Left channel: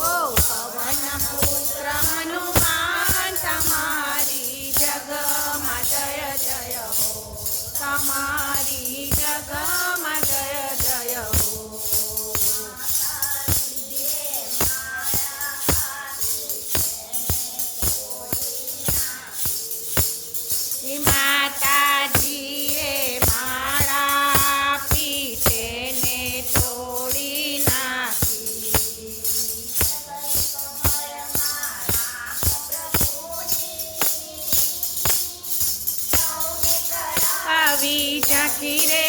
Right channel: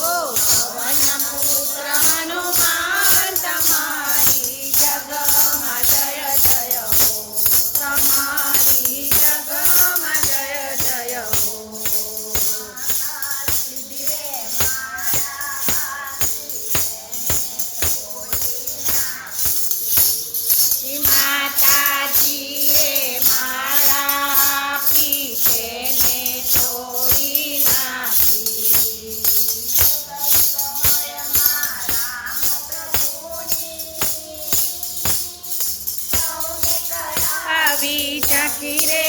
ઓ પવન પુત્ર હનુમાન તમારી જગમાં જય જય હો, તમારી જગમાં જય જય હો. માતાજીએ માળા આપી તેને તોડી નાખી. આવી ઝાંખી રે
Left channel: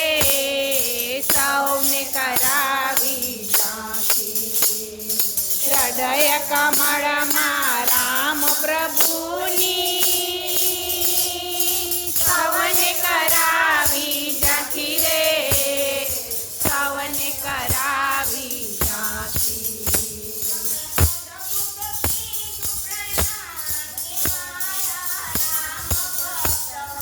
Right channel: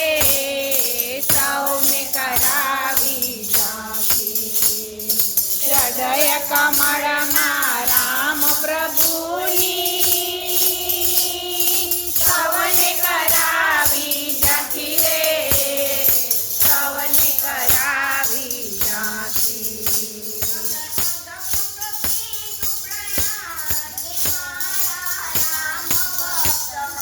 સૌને કરાવી ઝાંખી. હૃદય કમળમાં રામ પ્રભુની સૌને કરાવી ઝાંખી રે, સૌને કરાવી ઝાંખી.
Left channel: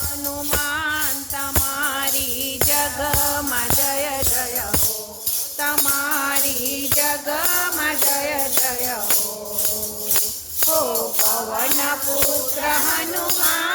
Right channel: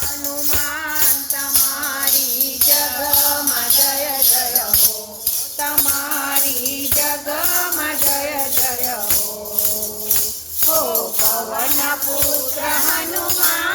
હનુમાન તમારી જગમાં જય જય હો, તમારી જગમાં જય જય હો. હો પવન પુત્ર હનુમાન